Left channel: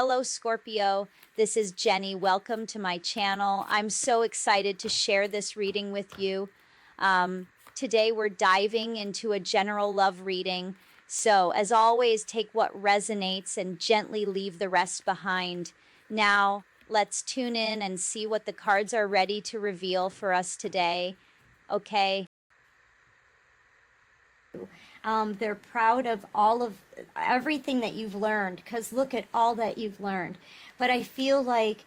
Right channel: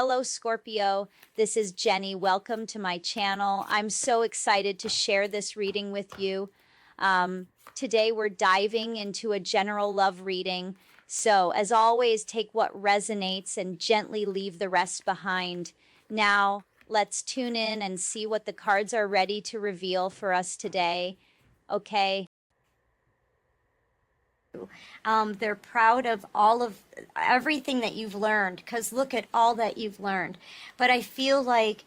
Hello, Scorpio. This is Jenny. Welcome to my channel. I'm so excited to share this reading with you. Today, we're diving into a general love reading. So, as always, take what resonates and gently leave the rest behind. Now, let's tune in and see what the cards are ready to reveal for us today. Okay. They're proud of everything that you've learned, because look at all that you've learned. But I feel like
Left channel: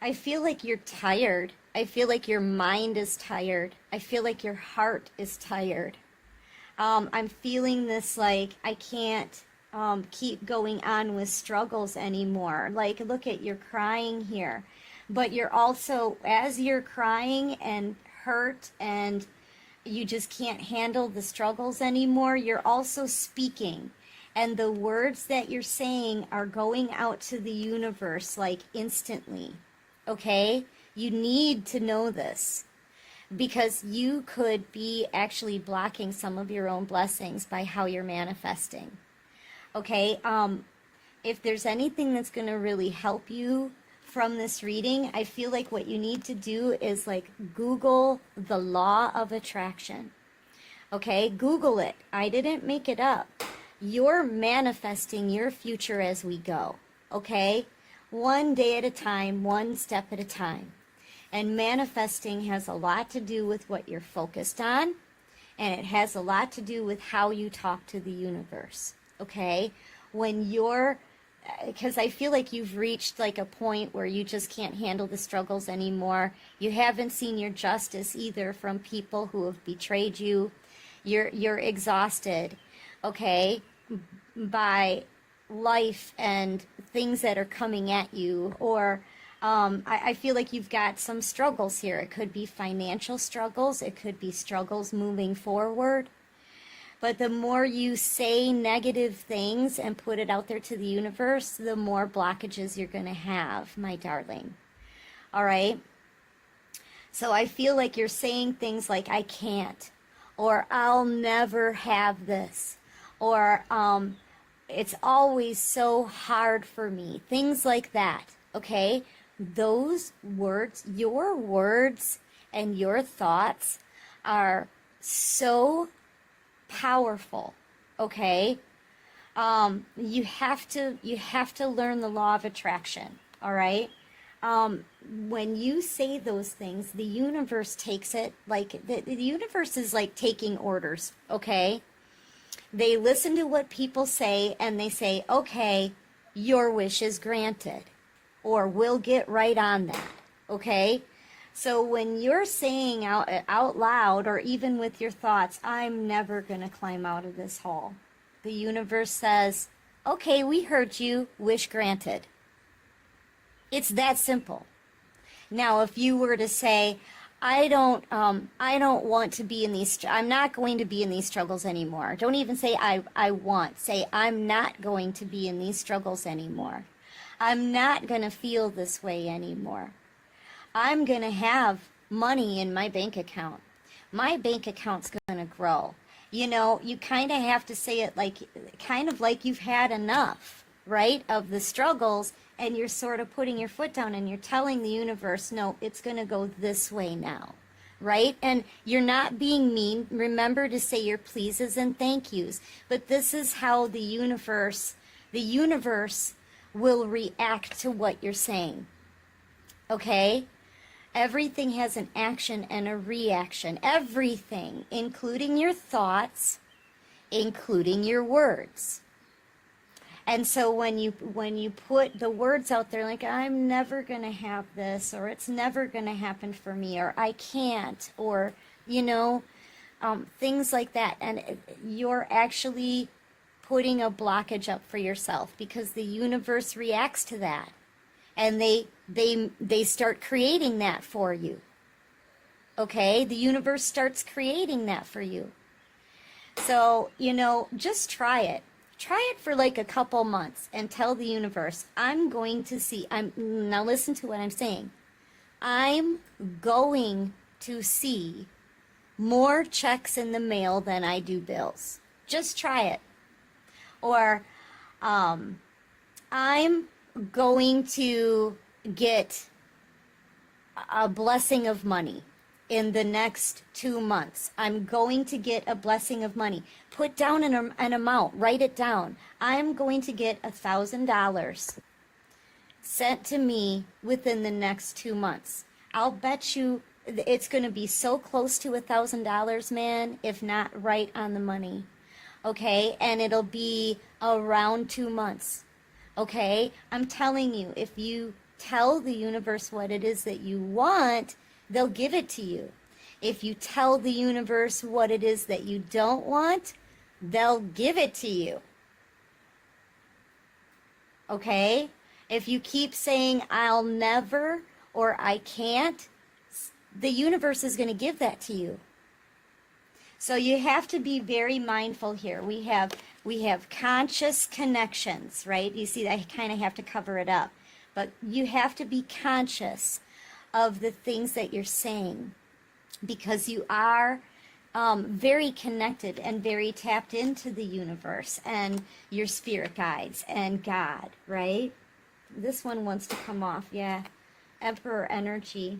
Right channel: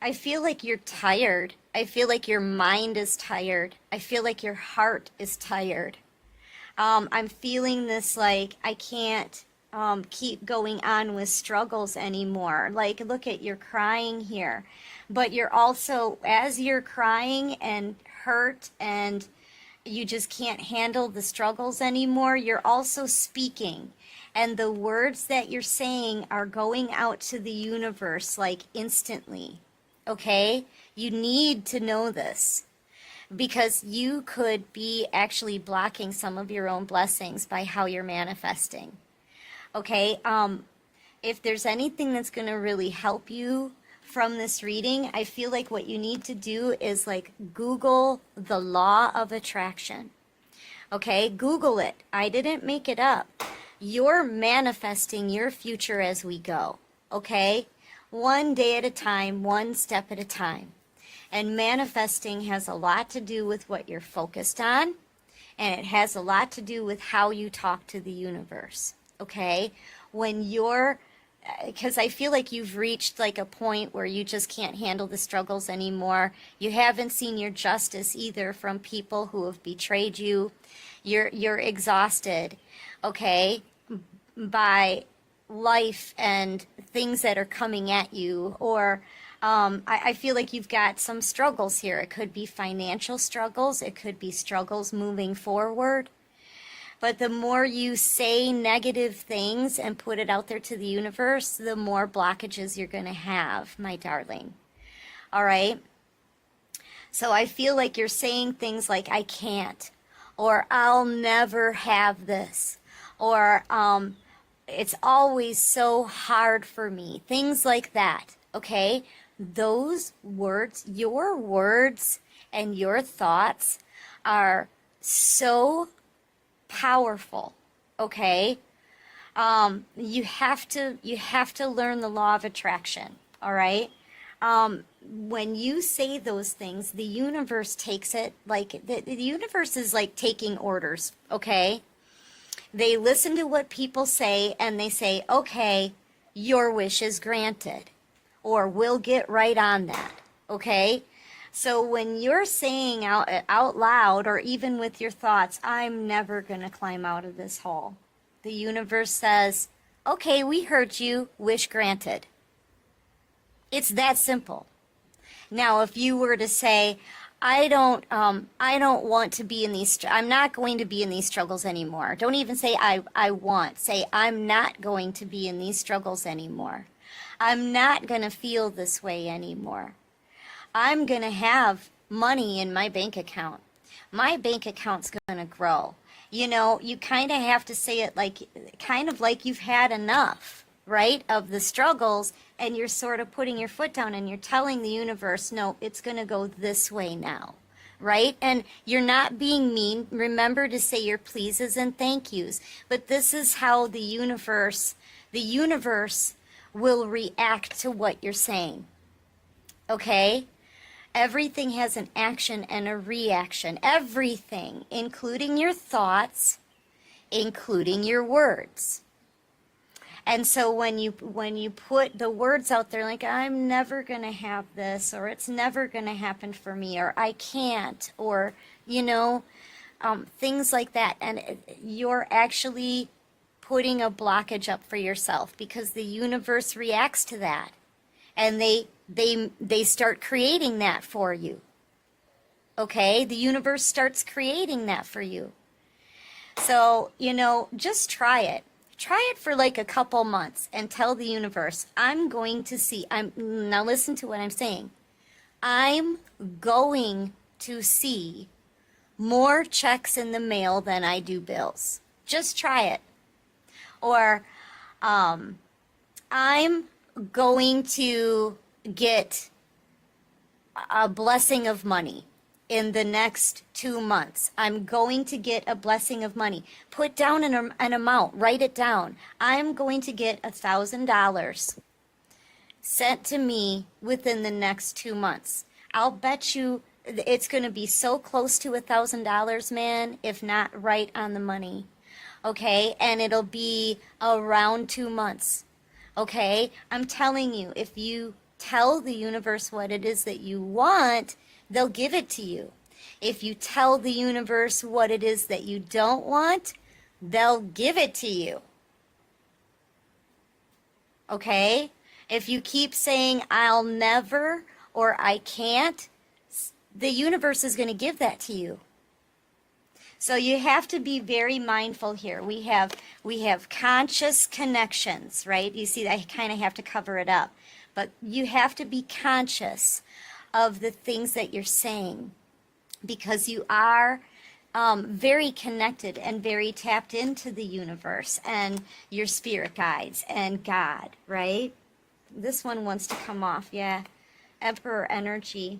you're tired. I feel like your mind is tired. I feel like your heart is tired. I'm feeling this like I can't keep going on with struggles anymore. Like, look at, you're crying here, but you're also, as you're crying and hurt and you just can't handle the struggles anymore, you're also speaking. And the words that you're saying are going out to the universe like instantly. Okay? You need to know this, because you could be actually blocking some of your own blessings by how you're manifesting. Okay? If there's anything that's going to really help you from this reading, I feel like what you need to do is like Google the law of attraction. Okay, Google it. I didn't make it up. You're manifesting your future as we go. Okay, one day at a time, one step at a time. And manifesting has a lot to do with what you're focused on, and it has a lot to do with how you talk to the universe. Okay, because I feel like you've reached like a point where you just can't handle the struggles anymore. You haven't seen your justice either from people who have betrayed you. You're exhausted, okay, by life and things that are coming at you. Or I feel like you've got some struggles here. It could be financial struggles. It could be struggles moving forward. But the more you say negative things and put it out there to the universe, the more blockages you're going to have, my darling. All right? So I feel like you're saying things like, I can't, or I'll never have this, or it's always so hard for me. Things like that, okay? Those words, your words and your thoughts are so powerful. Okay, you have to learn the law of attraction. All right, when you say those things, the universe takes it like the universe is like taking orders. Okay, they listen to what people say and they say, okay, your wish is granted, or we'll get right on that. Okay, so when you're saying out loud, or even with your thoughts, I'm never going to climb out of this hole, the universe says, okay, we heard you, wish granted. It's that simple. Now, if you were to say, I don't want to be in these, I'm not going to be in these struggles anymore. Don't even say I want. Say, I'm not going to be in these struggles anymore. I'm not going to feel this way anymore. I'm going to have money in my bank account. My bank account's going to grow. You know, you kind of have to say it like, kind of like you've had enough, right, of the struggles, and you're sort of putting your foot down and you're telling the universe, no, it's going to go this way now, right? And you're not being mean. Remember to say your pleases and thank yous. But this is how the universe will react to what you're saying, okay? Everything has an action and a reaction. Everything, including your thoughts, including your words. And so when you put the words out there like, I'm never going to have this, or it's never going to happen for me, or I can't, or, you know, things like that. And you're actually putting a blockage up for yourself, because the universe reacts to that. And they start creating that for you. Okay? The universe starts creating that for you. So, you know, just try it. Try it for like a couple months and tell the universe, I'm going to see, now listen to what I'm saying. I'm going to see more checks in the mail than I do bills. Just try it. Or, I'm going to get a blessing of money in the next 2 months. I'm going to get a blessing of money. Put down an amount, write it down. I'm going to get $1,000 sent to me within the next 2 months. I'll bet you it's going to be so close to $1,000, man, if not right on the money. Okay, and it'll be around 2 months. Okay, I'm telling you, if you tell the universe what it is that you want, they'll give it to you. If you tell the universe what it is that you don't want, they'll give it to you. Okay? If you keep saying, I'll never, or I can't, the universe is going to give that to you. So you have to be very mindful here. We have conscious connections, right? You see, I kind of have to cover it up. But you have to be conscious of the things that you're saying, because you are very connected and very tapped into the universe and your spirit guides and God, right? This one wants to come off, yeah. Emperor energy.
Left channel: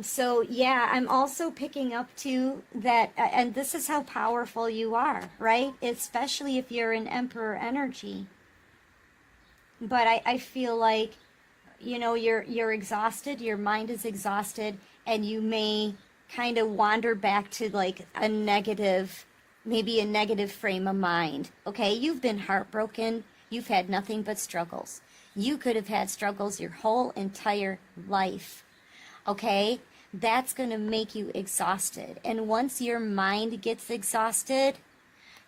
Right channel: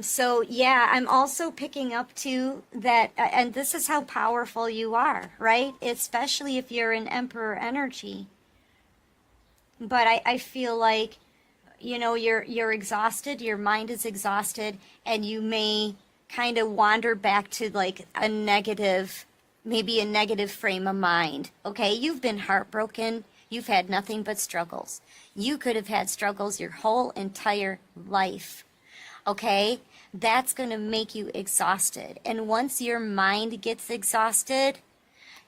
So yeah, I'm also picking up too that, and this is how powerful you are, right? Especially if you're in Emperor energy. But I feel like, you know, you're exhausted, your mind is exhausted, and you may kind of wander back to like a negative, maybe a negative frame of mind. Okay, you've been heartbroken, you've had nothing but struggles. You could have had struggles your whole entire life. Okay, that's going to make you exhausted. And once your mind gets exhausted,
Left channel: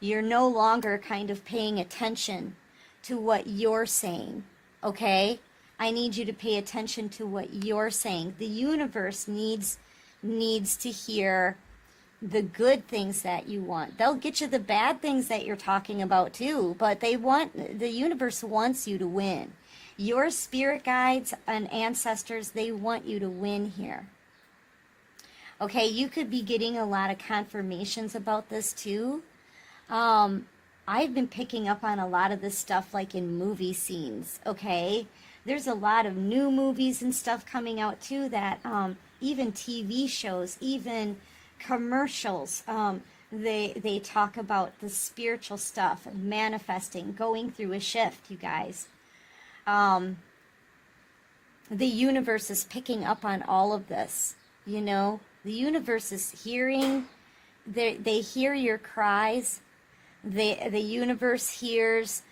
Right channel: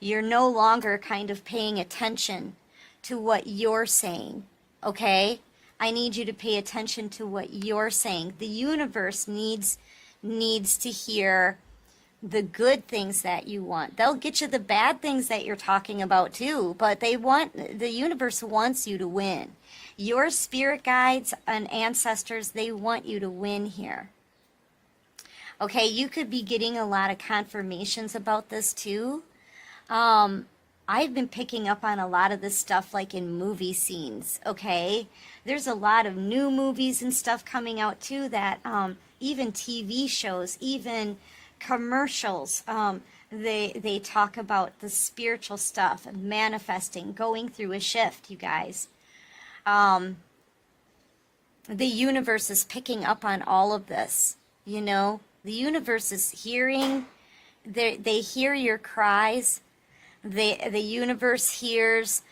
you're no longer kind of paying attention to what you're saying. Okay, I need you to pay attention to what you're saying. The universe needs to hear the good things that you want. They'll get you the bad things that you're talking about too, but the universe wants you to win. Your spirit guides and ancestors, they want you to win here. Okay, you could be getting a lot of confirmations about this too. I've been picking up on a lot of this stuff like in movie scenes, okay? There's a lot of new movies and stuff coming out too that even TV shows, even commercials, they talk about the spiritual stuff, manifesting, going through a shift, you guys. The universe is picking up on all of this, you know? The universe is hearing, they hear your cries. The universe hears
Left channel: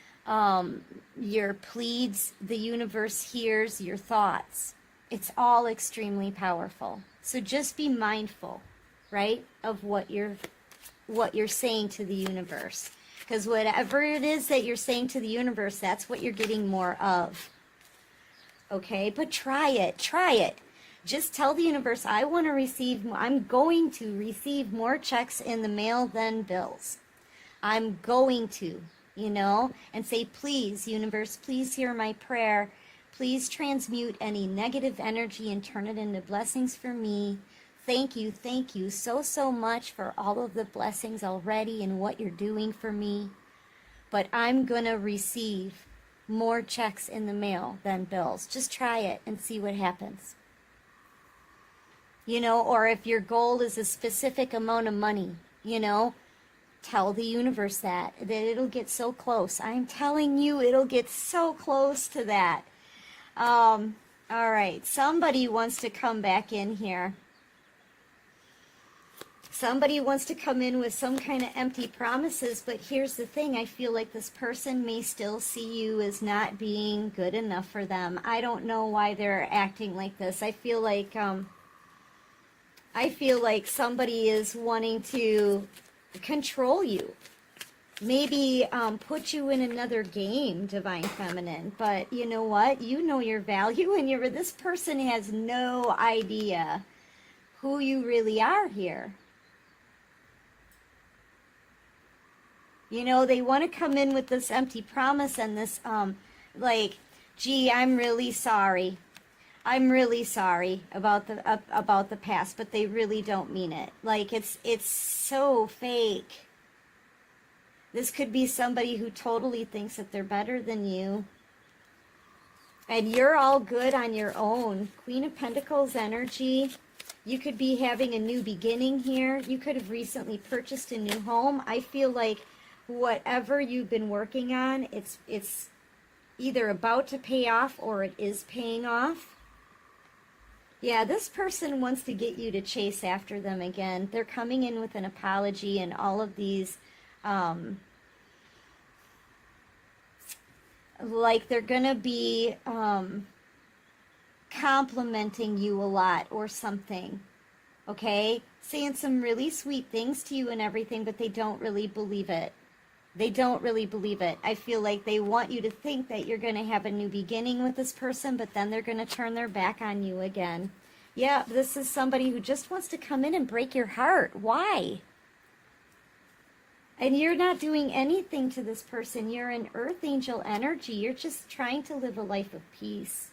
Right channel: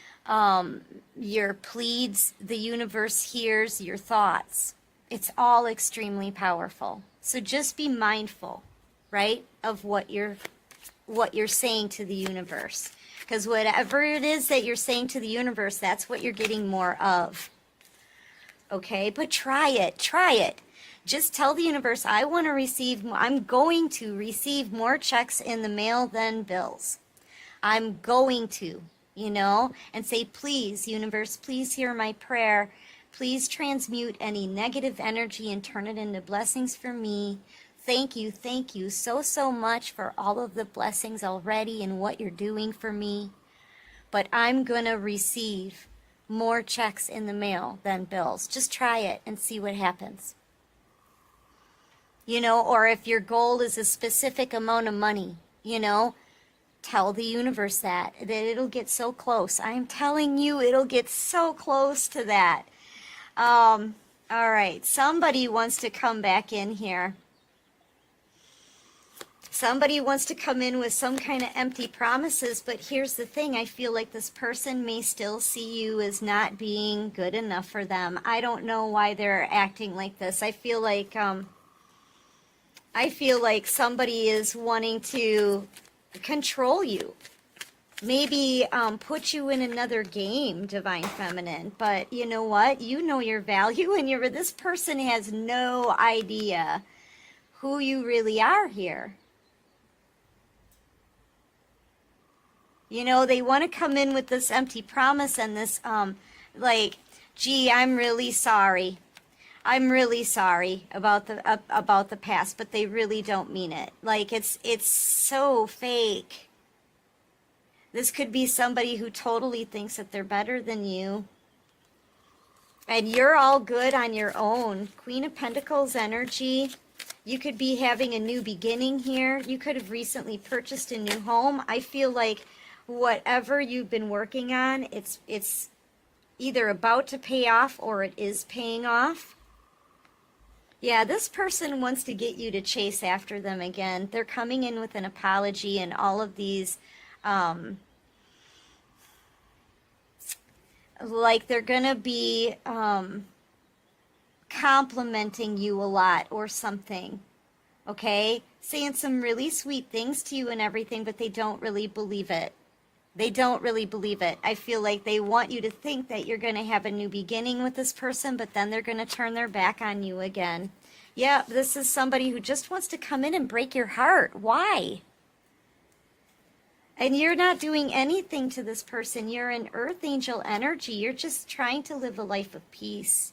your pleads. The universe hears your thoughts. It's all extremely powerful. So just be mindful, right, of what you're saying to the universe. Because whatever it is that you're saying to the universe, that's what you're getting more of. Okay, but try it. Just tell the universe, I'm going to receive more checks in the mail than bills. I'm going to, you know, and say, please, universe, please hear my prayer. Please transmute any negative energy and turn it into blessings for me. Thank you so much for all of the blessings already and what you're doing for me. But I'm going to receive more checks in the mail than bills. Just try it and see what happens. You know, or if your goal is a specific amount of money, you know, tell the universe that it'll get so close. I am telling you, it'll get so close to that. All right, somebody wants to come back in here. Somebody wants to come in with some kind of empty promises, but here's the thing. I feel like this person may still see you as not being good enough for them. I don't know why they're acting like this. I feel like somebody is wanting to control you. Maybe put you in another game, Divine Feminine. But you know what? You know your value, and this person has no idea who you really are here. You know, they want to come in with this empty promise and this, like, gee, I'm really sorry. I'm really sorry about the past, but they really don't mean it. Like, it's so fake. This could be somebody who totally thinks that they're better than you. And you're all good on your own. Queen of Pentacles energy. You could be having a new beginning here. You could have recently purchased a new home. I feel like whatever you've been working on, it's either about to pay off or it is paying off. Yeah, this person wants to get you to chase after them again. They're coming in with an apology and all of these, like they're going to be complimenting you a lot or something, okay? Saying some really sweet things to you and everything, but they don't really believe it. They don't really believe it. I feel like they want you to think that you're going to have a new beginning with this person, but then they're going to turn their back on you again. Yeah, this is somebody who just wants to come in and break your heart. Why? And you're not doing anything to this person. You're an earth angel energy. You're just trying to live a life of peace.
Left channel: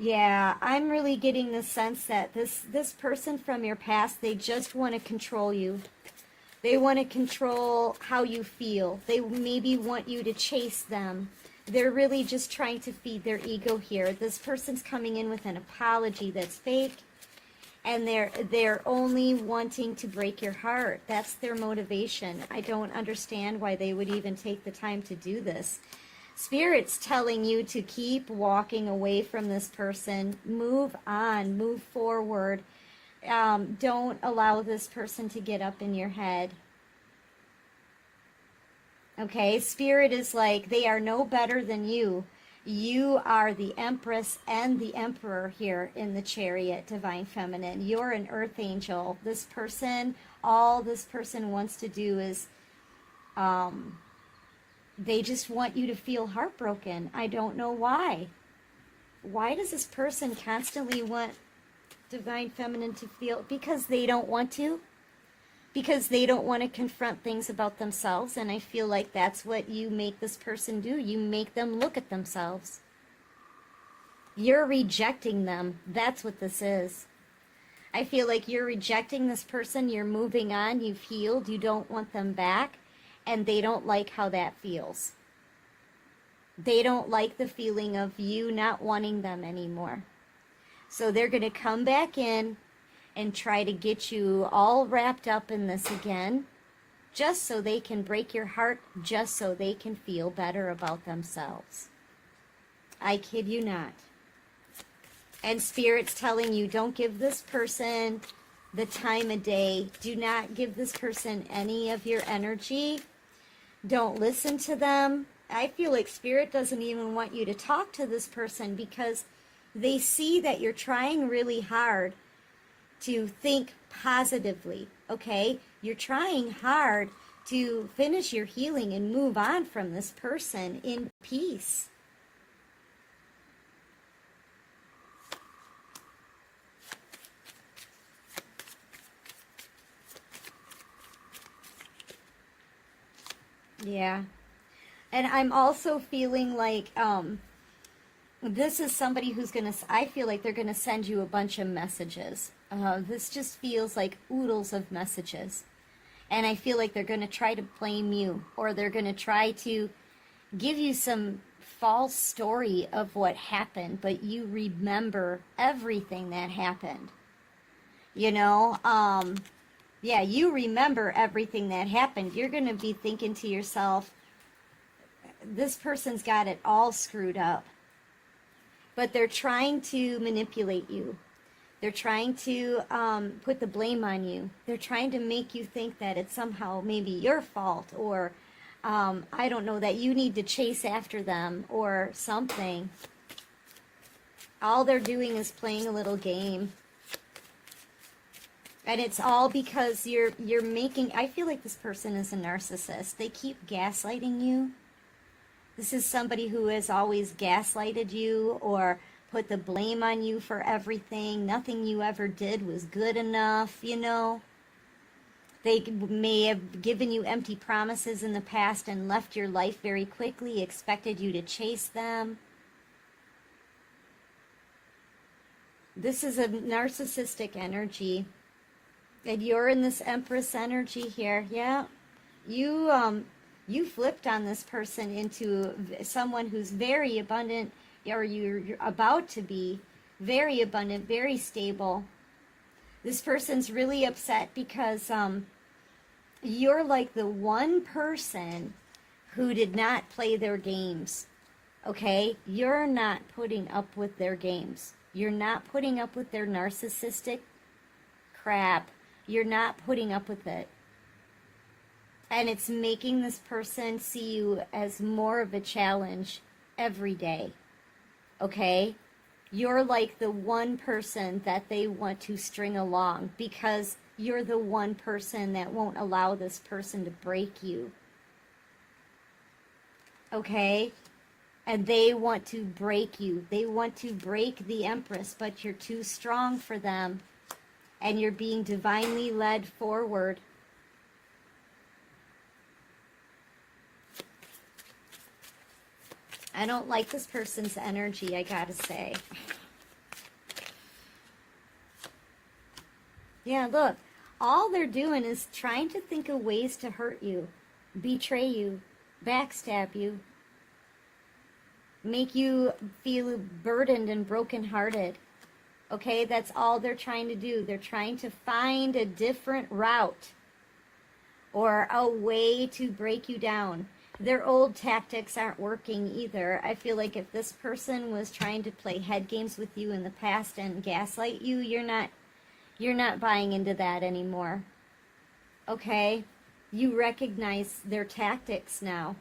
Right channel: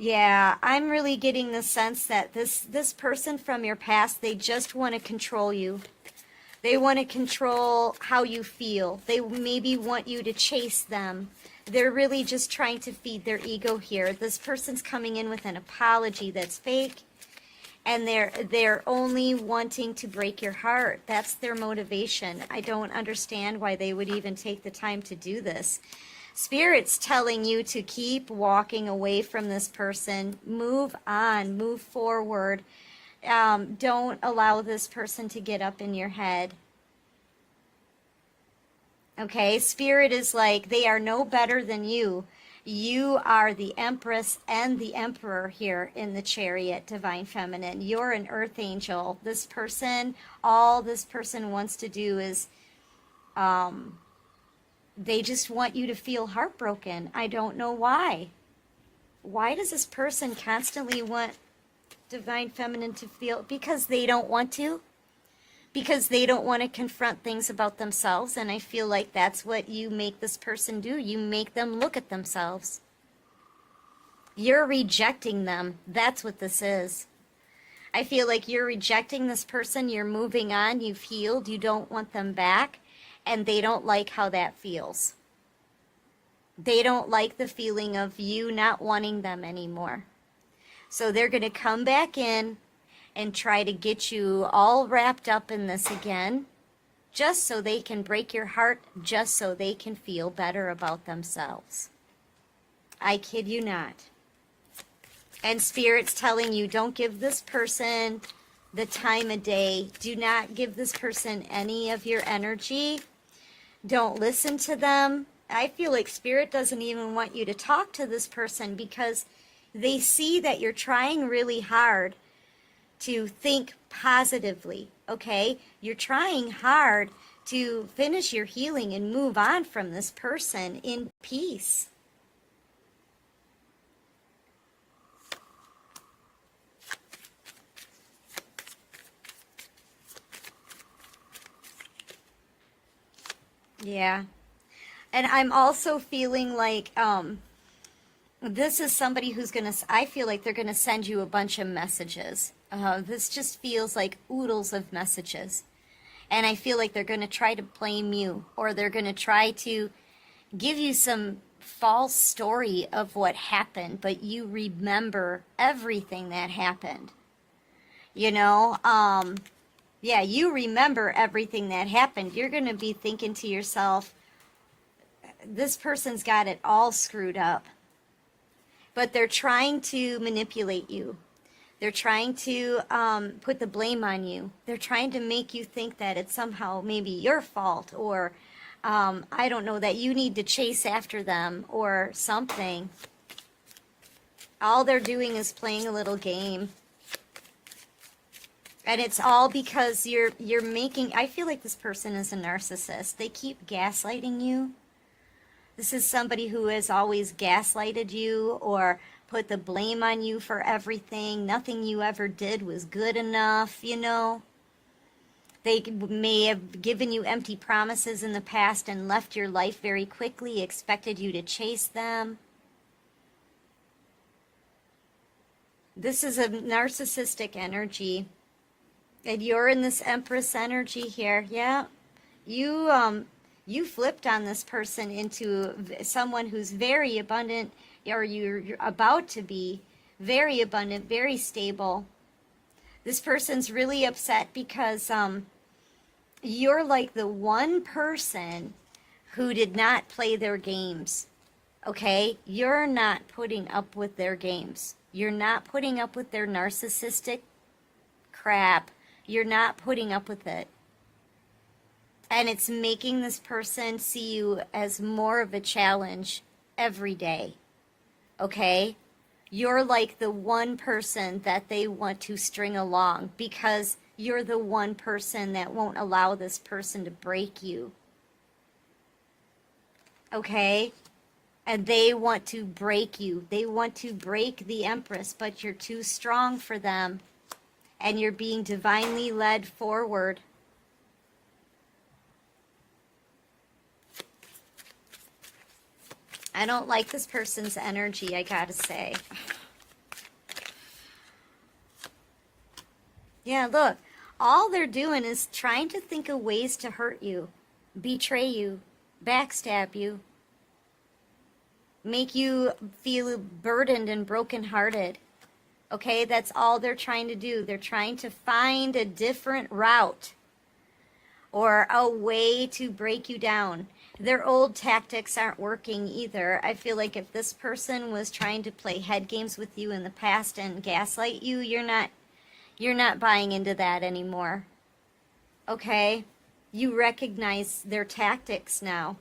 Yeah, I'm really getting the sense that this person from your past, they just want to control you. They want to control how you feel. They maybe want you to chase them. They're really just trying to feed their ego here. This person's coming in with an apology that's fake, and they're only wanting to break your heart. That's their motivation. I don't understand why they would even take the time to do this. Spirit's telling you to keep walking away from this person. Move on. Move forward. Don't allow this person to get up in your head. Okay? Spirit is like, they are no better than you. You are the Empress and the Emperor here in the Chariot, Divine Feminine. You're an Earth Angel. This person, all this person wants to do is... they just want you to feel heartbroken. I don't know why. Why does this person constantly want Divine Feminine to feel? Because they don't want to. Because they don't want to confront things about themselves. And I feel like that's what you make this person do. You make them look at themselves. You're rejecting them. That's what this is. I feel like you're rejecting this person. You're moving on. You've healed. You don't want them back. And they don't like how that feels. They don't like the feeling of you not wanting them anymore. So they're going to come back in and try to get you all wrapped up in this again, just so they can break your heart, just so they can feel better about themselves. I kid you not. And Spirit's telling you, don't give this person the time of day. Do not give this person any of your energy. Don't listen to them. I feel like Spirit doesn't even want you to talk to this person because they see that you're trying really hard to think positively, okay? You're trying hard to finish your healing and move on from this person in peace. Yeah. And I'm also feeling like this is somebody who's going to, I feel like they're going to send you a bunch of messages. This just feels like oodles of messages. And I feel like they're going to try to blame you, or they're going to try to give you some false story of what happened, but you remember everything that happened. You know, yeah, you remember everything that happened. You're going to be thinking to yourself, this person's got it all screwed up. But they're trying to manipulate you. They're trying to put the blame on you. They're trying to make you think that it's somehow maybe your fault, or I don't know, that you need to chase after them or something. All they're doing is playing a little game. And it's all because you're making, I feel like this person is a narcissist. They keep gaslighting you. This is somebody who has always gaslighted you or put the blame on you for everything. Nothing you ever did was good enough, you know. They may have given you empty promises in the past and left your life very quickly, expected you to chase them. This is a narcissistic energy. And you're in this Empress energy here. Yeah. You flipped on this person into someone who's very abundant, or you're about to be very abundant, very stable. This person's really upset because you're like the one person who did not play their games. Okay? You're not putting up with their games. You're not putting up with their narcissistic crap. You're not putting up with it. And it's making this person see you as more of a challenge every day. Okay? You're like the one person that they want to string along because you're the one person that won't allow this person to break you. Okay? And they want to break you. They want to break the Empress, but you're too strong for them. And you're being divinely led forward. I don't like this person's energy, I gotta say. Yeah, look. All they're doing is trying to think of ways to hurt you, betray you, backstab you, make you feel burdened and brokenhearted. Okay, that's all they're trying to do. They're trying to find a different route or a way to break you down. Their old tactics aren't working either. I feel like if this person was trying to play head games with you in the past and gaslight you, you're not buying into that anymore. Okay? You recognize their tactics now.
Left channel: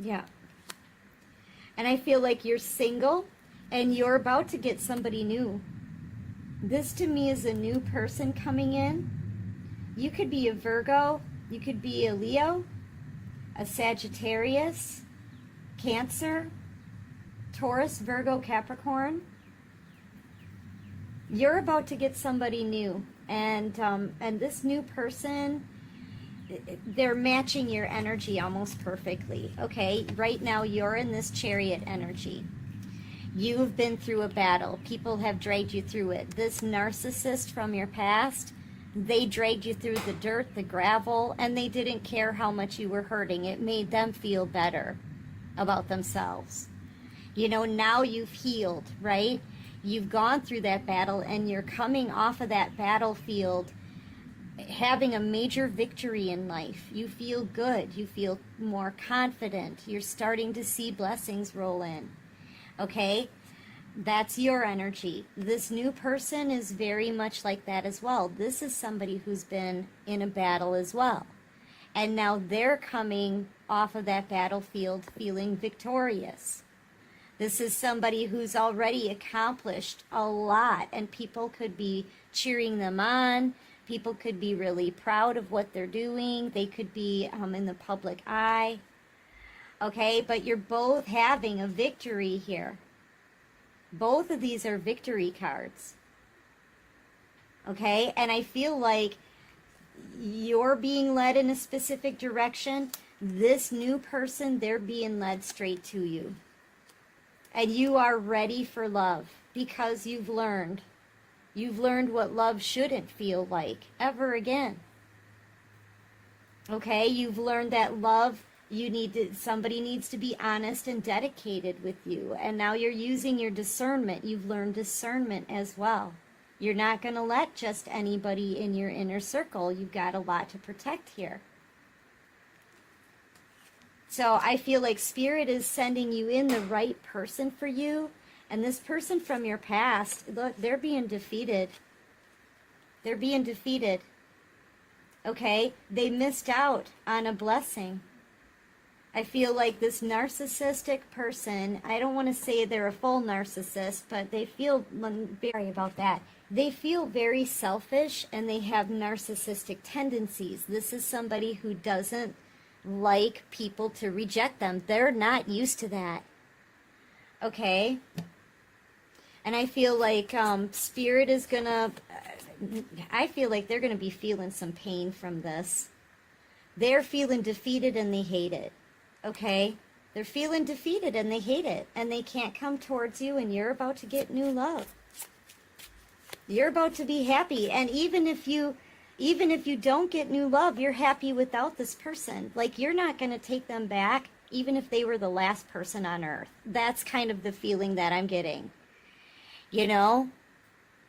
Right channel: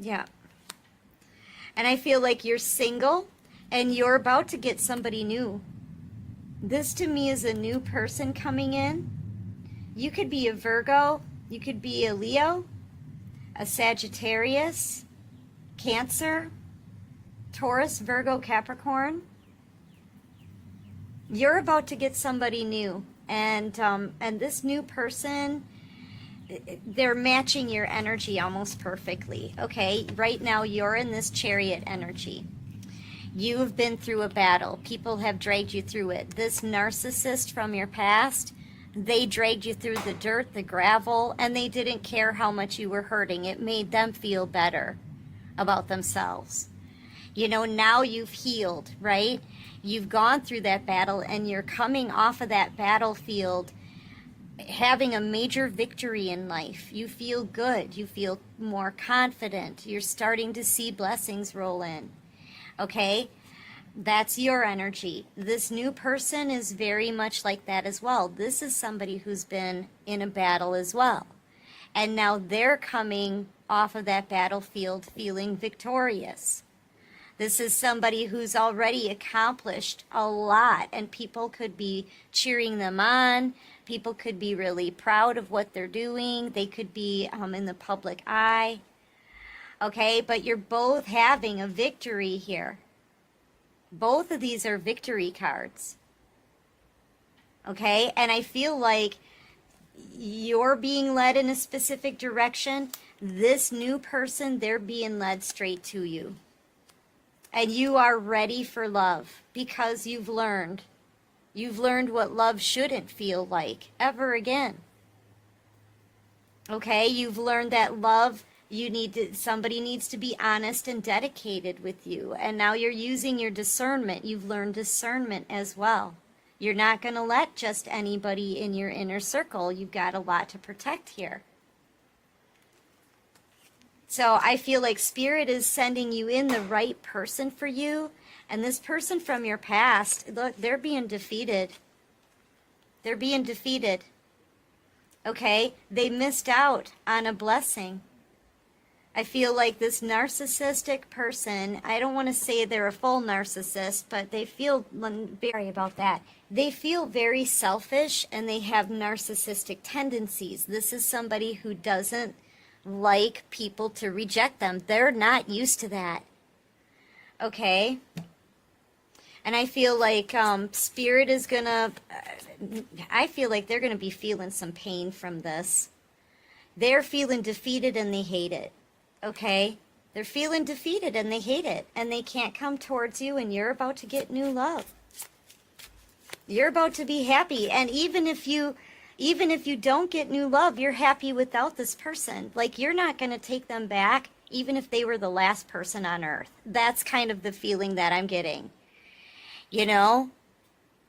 Yeah. And I feel like you're single and you're about to get somebody new. This to me is a new person coming in. You could be a Virgo, you could be a Leo, a Sagittarius, Cancer, Taurus, Virgo, Capricorn. You're about to get somebody new. And this new person, they're matching your energy almost perfectly. Okay, right now you're in this Chariot energy. You've been through a battle. People have dragged you through it. This narcissist from your past, they dragged you through the dirt, the gravel, and they didn't care how much you were hurting. It made them feel better about themselves. You know, now you've healed, right? You've gone through that battle and you're coming off of that battlefield having a major victory in life. You feel good. You feel more confident. You're starting to see blessings roll in. Okay? That's your energy. This new person is very much like that as well. This is somebody who's been in a battle as well. And now they're coming off of that battlefield feeling victorious. This is somebody who's already accomplished a lot, and people could be cheering them on. People could be really proud of what they're doing. They could be in the public eye. Okay, but you're both having a victory here. Both of these are victory cards. Okay, and I feel like you're being led in a specific direction. This new person, they're being led straight to you. And you are ready for love because you've learned. You've learned what love shouldn't feel like ever again. Okay, you've learned that love, somebody needs to be honest and dedicated with you. And now you're using your discernment. You've learned discernment as well. You're not going to let just anybody in your inner circle. You've got a lot to protect here. So I feel like Spirit is sending you in the right person for you. And this person from your past, look, they're being defeated. They're being defeated. Okay? They missed out on a blessing. I feel like this narcissistic person, I don't want to say they're a full narcissist, but they feel very about that. They feel very selfish and they have narcissistic tendencies. This is somebody who doesn't like people to reject them. They're not used to that. Okay? And I feel like Spirit is gonna, I feel like they're gonna be feeling some pain from this. They're feeling defeated and they hate it. Okay? They're feeling defeated and they hate it. And they can't come towards you and you're about to get new love. You're about to be happy. And even if you don't get new love, you're happy without this person. Like, you're not going to take them back, even if they were the last person on earth. That's kind of the feeling that I'm getting. You know?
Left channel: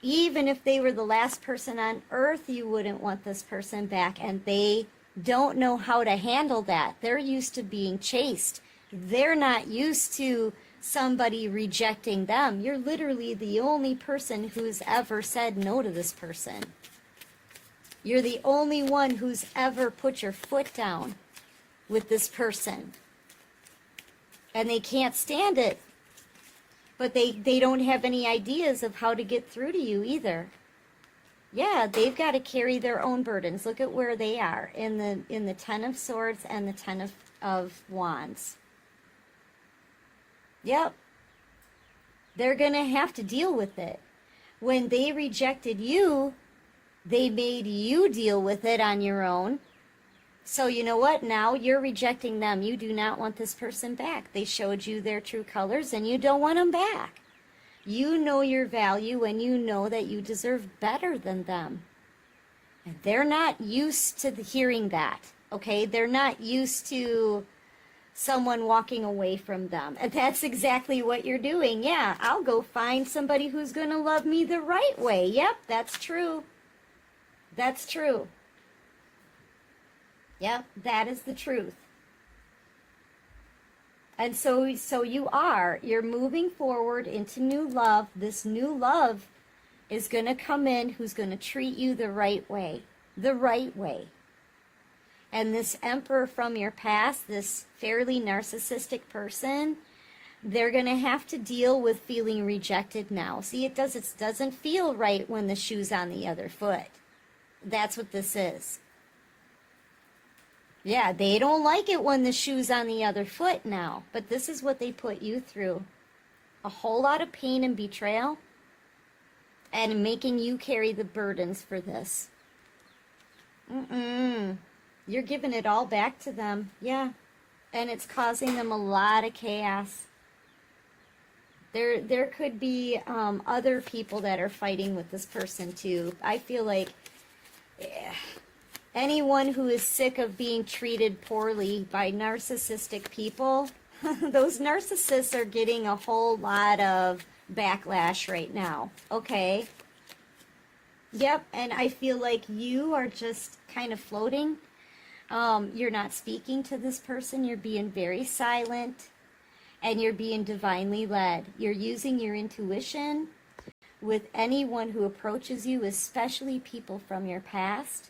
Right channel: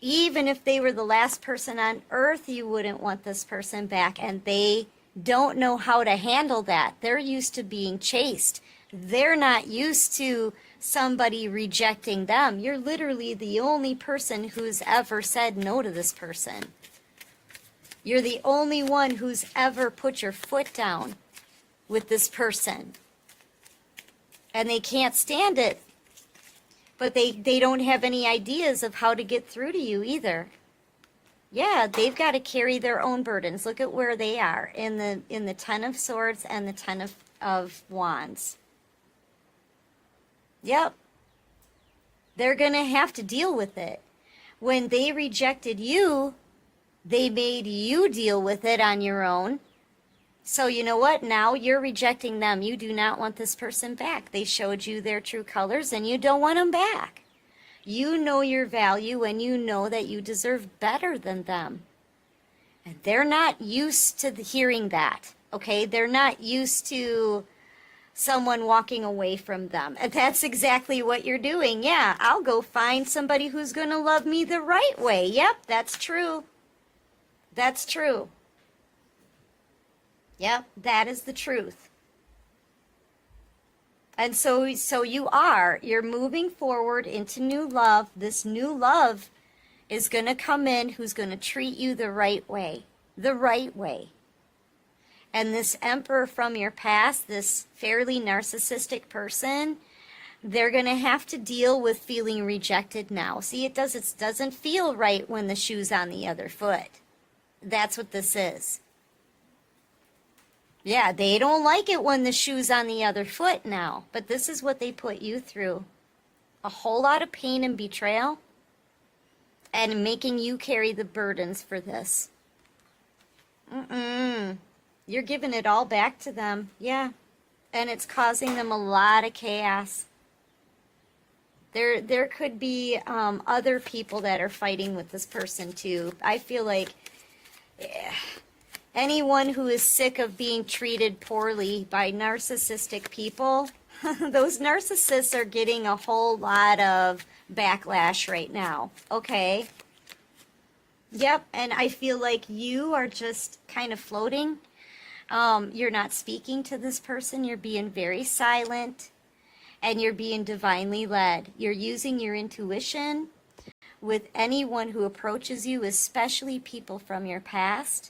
Even if they were the last person on earth, you wouldn't want this person back. And they don't know how to handle that. They're used to being chased. They're not used to somebody rejecting them. You're literally the only person who's ever said no to this person. You're the only one who's ever put your foot down with this person. And they can't stand it. But they don't have any ideas of how to get through to you either. Yeah, they've got to carry their own burdens. Look at where they are in the Ten of Swords and the Ten of Wands. Yep. They're going to have to deal with it. When they rejected you, they made you deal with it on your own. So you know what? Now you're rejecting them. You do not want this person back. They showed you their true colors and you don't want them back. You know your value and you know that you deserve better than them. And they're not used to hearing that, okay? They're not used to someone walking away from them. And that's exactly what you're doing. Yeah, I'll go find somebody who's going to love me the right way. Yep, that's true. That's true. Yep, that is the truth. And so you're moving forward into new love. This new love is going to come in who's going to treat you the right way. The right way. And this Emperor from your past, this fairly narcissistic person, they're going to have to deal with feeling rejected now. See, it doesn't feel right when the shoe's on the other foot. That's what this is. Yeah, they don't like it when the shoe's on the other foot now. But this is what they put you through. A whole lot of pain and betrayal. And making you carry the burdens for this. You're giving it all back to them. Yeah. And it's causing them a lot of chaos. There could be other people that are fighting with this person too. I feel like... Yeah. Anyone who is sick of being treated poorly by narcissistic people, those narcissists are getting a whole lot of backlash right now, okay? Yep, and I feel like you are just kind of floating. You're not speaking to this person. You're being very silent, and you're being divinely led. You're using your intuition with anyone who approaches you, especially people from your past.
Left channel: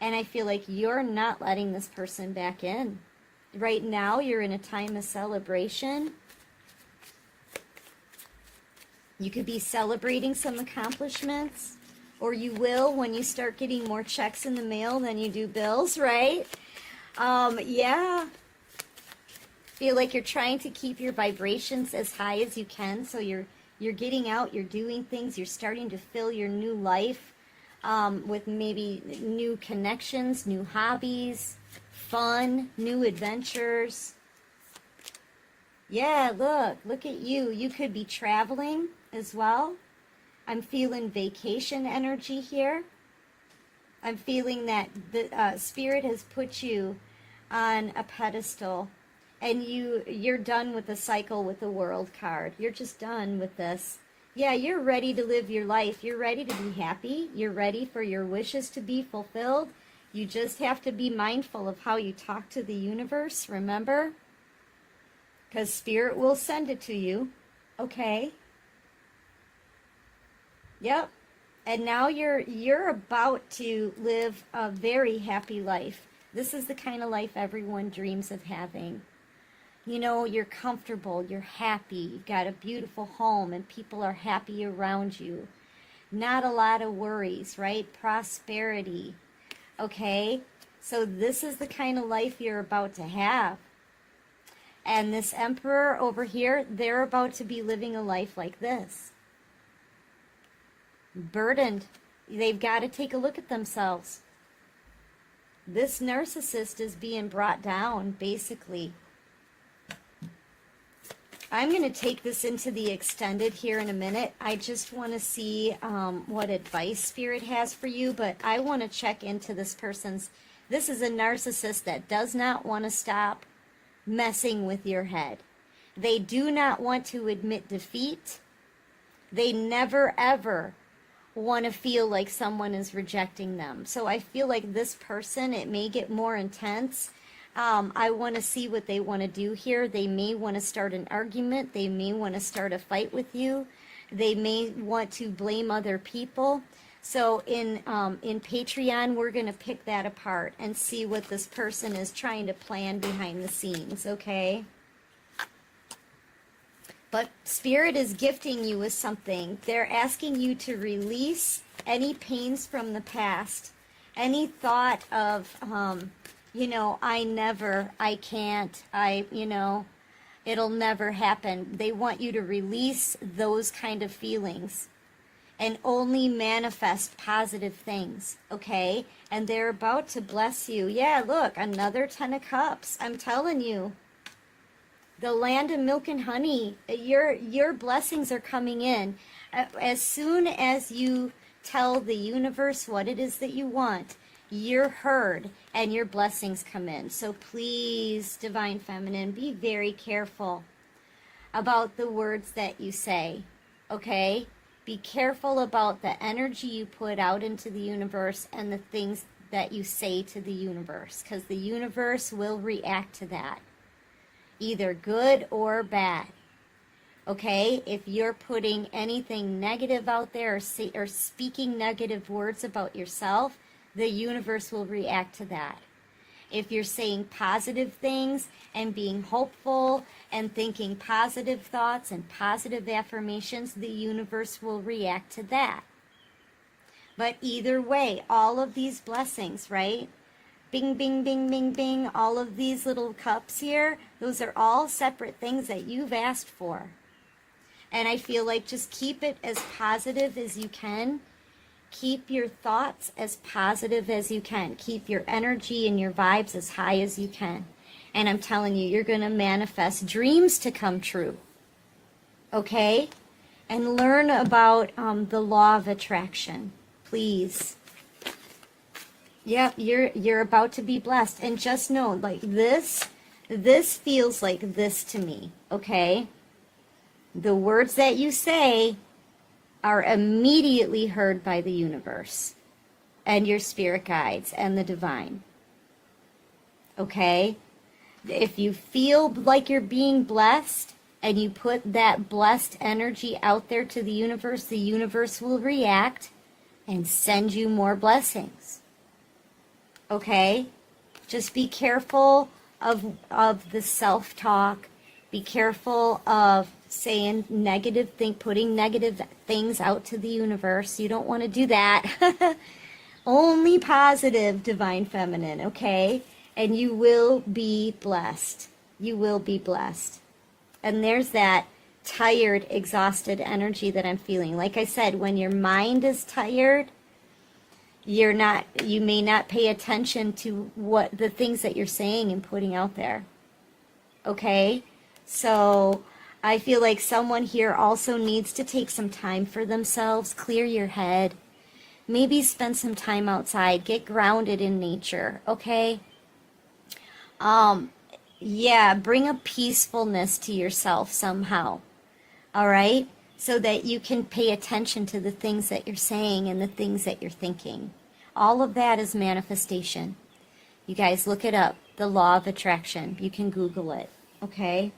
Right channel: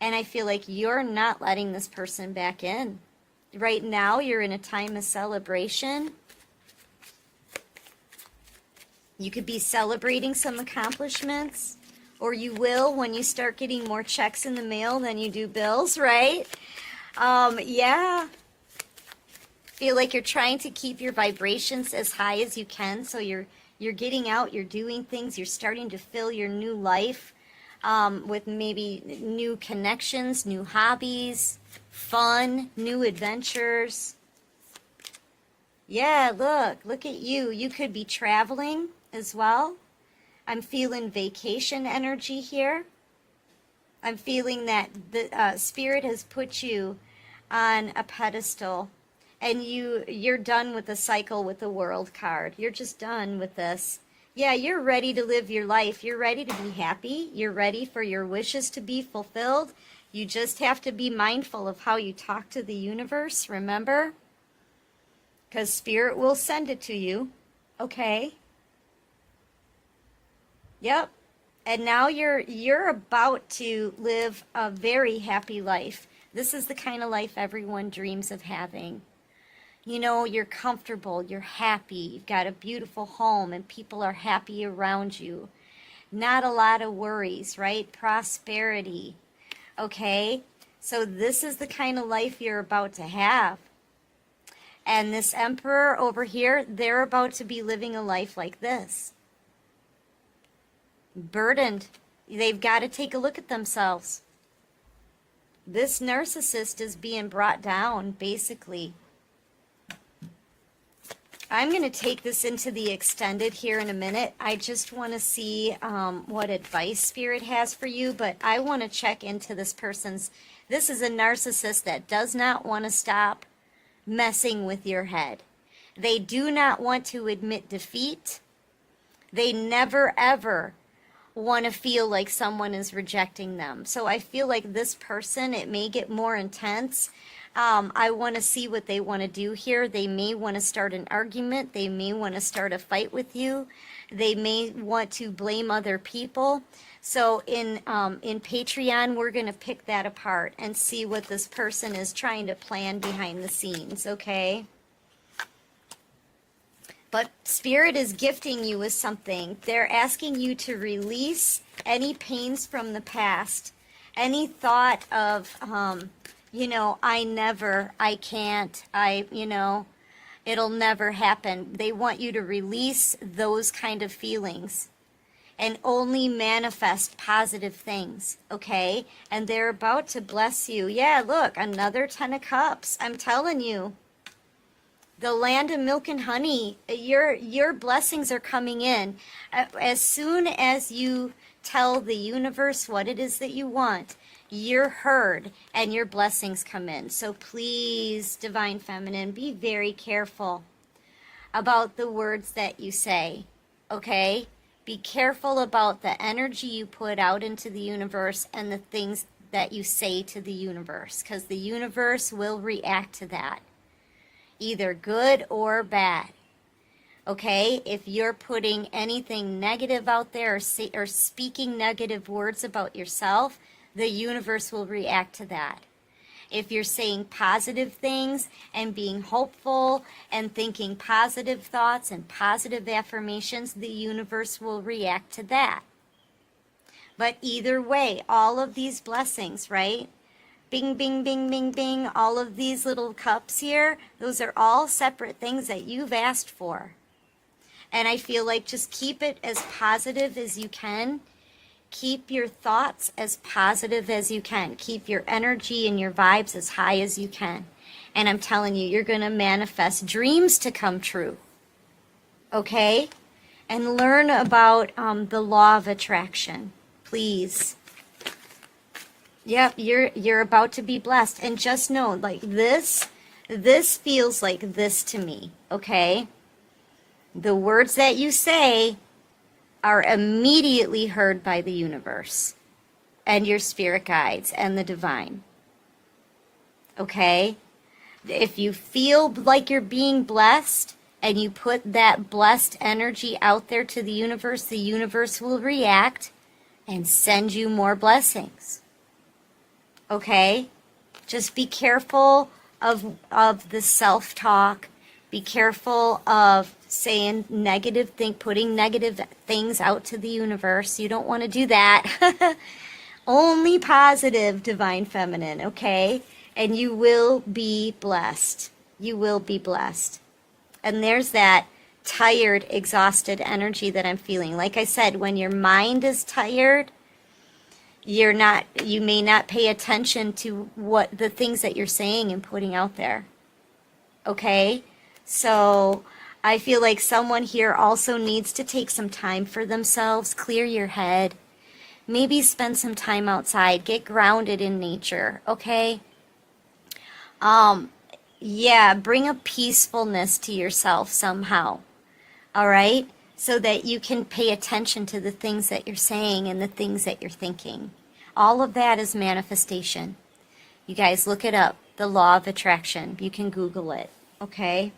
And I feel like you're not letting this person back in. Right now, you're in a time of celebration. You could be celebrating some accomplishments, or you will when you start getting more checks in the mail than you do bills, right? Yeah. Feel like you're trying to keep your vibrations as high as you can, so you're getting out, you're doing things, you're starting to fill your new life with maybe new connections, new hobbies, fun, new adventures. Yeah, look at you. You could be traveling as well. I'm feeling vacation energy here. I'm feeling that the Spirit has put you on a pedestal, and you're done with the cycle with the World card. You're just done with this. Yeah, you're ready to live your life. You're ready to be happy. You're ready for your wishes to be fulfilled. You just have to be mindful of how you talk to the universe, remember? Because Spirit will send it to you, okay? Yep. And now you're about to live a very happy life. This is the kind of life everyone dreams of having. You know, you're comfortable, you're happy, you've got a beautiful home, and people are happy around you. Not a lot of worries, right? Prosperity, okay? So this is the kind of life you're about to have. And this Emperor over here, they're about to be living a life like this. Burdened. They've got to take a look at themselves. This narcissist is being brought down, basically. I'm going to take this into the extended here in a minute. I just want to see what advice Spirit has for you, but I want to check into this person's. This is a narcissist that does not want to stop messing with your head. They do not want to admit defeat. They never, ever want to feel like someone is rejecting them. So I feel like this person, it may get more intense. I want to see what they want to do here. They may want to start an argument. They may want to start a fight with you. They may want to blame other people. So in Patreon, we're going to pick that apart and see what this person is trying to plan behind the scenes, okay? But Spirit is gifting you with something. They're asking you to release any pains from the past, any thought of, I can't, it'll never happen. They want you to release those kind of feelings and only manifest positive things, okay? And they're about to bless you. Yeah, look, another 10 of Cups. I'm telling you. The land of milk and honey, your blessings are coming in. As soon as you tell the universe what it is that you want, you're heard and your blessings come in. So please, Divine Feminine, be very careful about the words that you say, okay? Be careful about the energy you put out into the universe and the things that you say to the universe, because the universe will react to that, either good or bad. Okay, if you're putting anything negative out there or speaking negative words about yourself, the universe will react to that. If you're saying positive things and being hopeful and thinking positive thoughts and positive affirmations, the universe will react to that. But either way, all of these blessings, right? Bing, bing, bing, bing, bing, all of these little cups here, those are all separate things that you've asked for. And I feel like just keep it as positive as you can. Keep your thoughts as positive as you can. Keep your energy and your vibes as high as you can. And I'm telling you, you're going to manifest dreams to come true. Okay? And learn about the law of attraction, please. Yep, you're about to be blessed. And just know, like this feels like this to me, okay? The words that you say are immediately heard by the universe and your spirit guides and the divine. Okay? If you feel like you're being blessed and you put that blessed energy out there to the universe will react and send you more blessings. Okay? Just be careful of the self-talk. Be careful of saying putting negative things out to the universe. You don't want to do that. Only positive, Divine Feminine, okay? And you will be blessed. You will be blessed. And there's that tired, exhausted energy that I'm feeling. Like I said, when your mind is tired, you may not pay attention to what the things that you're saying and putting out there. Okay? So I feel like someone here also needs to take some time for themselves, clear your head, maybe spend some time outside, get grounded in nature, okay? Bring a peacefulness to yourself somehow, all right? So that you can pay attention to the things that you're saying and the things that you're thinking. All of that is manifestation. You guys look it up, the law of attraction. You can Google it, okay?